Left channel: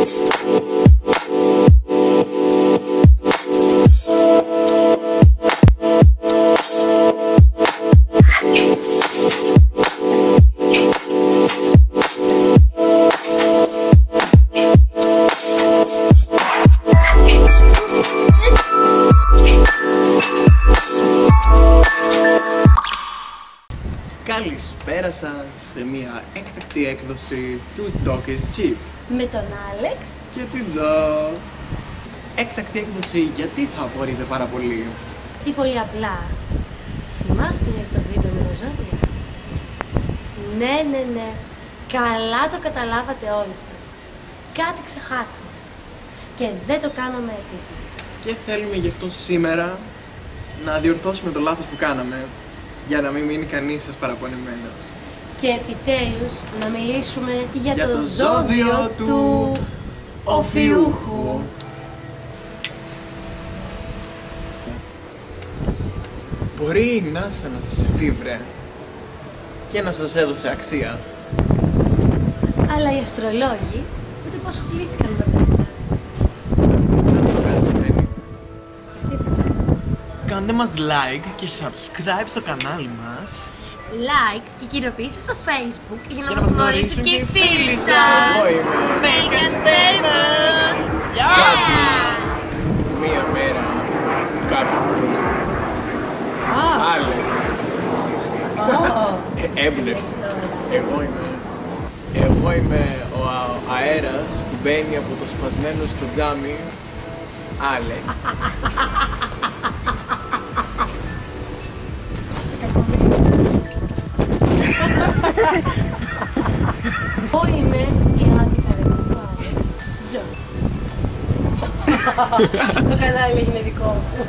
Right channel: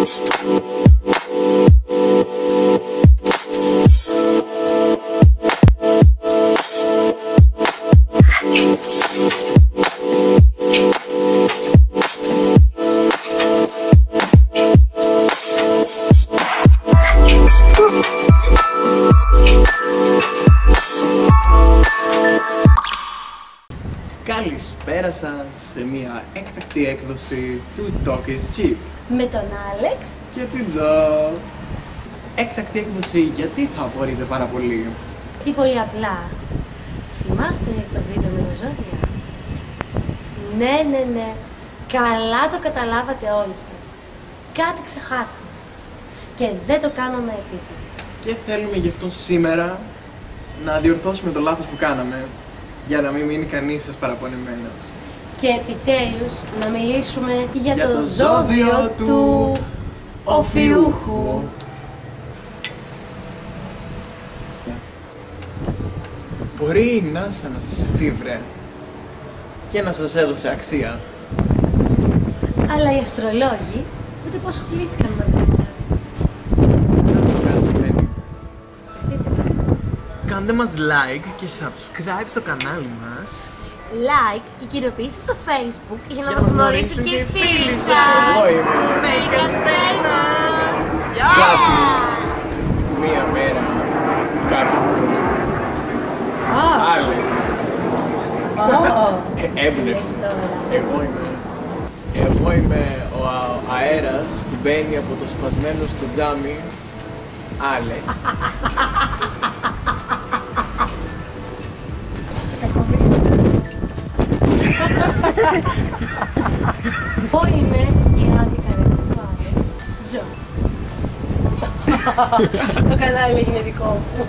Καλησπέρα σας σε μια έκτακτη έκδοση του Talk is Cheap με τον Άλεξ και την Τζο. Έκτακτη έκδοση γιατί θα απορείτε πάρα πολύ? Τι πολύ απλά. Θυμάστε το βίντεο με τα ζώδια? Ναι. Καλά το καταλάβατε όλοι σας. Κάτι ξεχάσαμε και δεν το κάναμε επίτηδες. Και θέλουμε γι' αυτό σήμερα να διορθώσουμε το λάθος που κάναμε, για να μην μείνει κανείς σας παραπονεμένος. Και επιτέλους να μιλήσουμε για το το ζώδιο του Οφιούχου. Μπορεί η NASA να σας εφήβρε και να σας έδωσε αξία, Αλλά οι αστρολόγοι ούτε πως ασχολήθηκαν μαζί σας. να το κάτι σημαίνει. Σκεφτείτε τα. Κάντε μας like και subscribe στο κανάλι μας. Like και κοινοποιήστε στο Facebook για να να μας μας γνωρίσουν γνωρίσουν και οι και οι φίλοι φίλοι σας. σας. Εγώ είμαι. Μερικαστέρνας. Κάτι. Μία μέρα. Κάτι. Άλεξ. Έμπνευση. Εγώ είμαι ο αέρας που μπαίνει από το σπασμένο στο τζάμι. Άλεξ. Σε κακομοίρη. Εγώ είμαι η άδεια καρέκλα του Άλεξ. Τζο. Το κανάλι είναι δικό μου.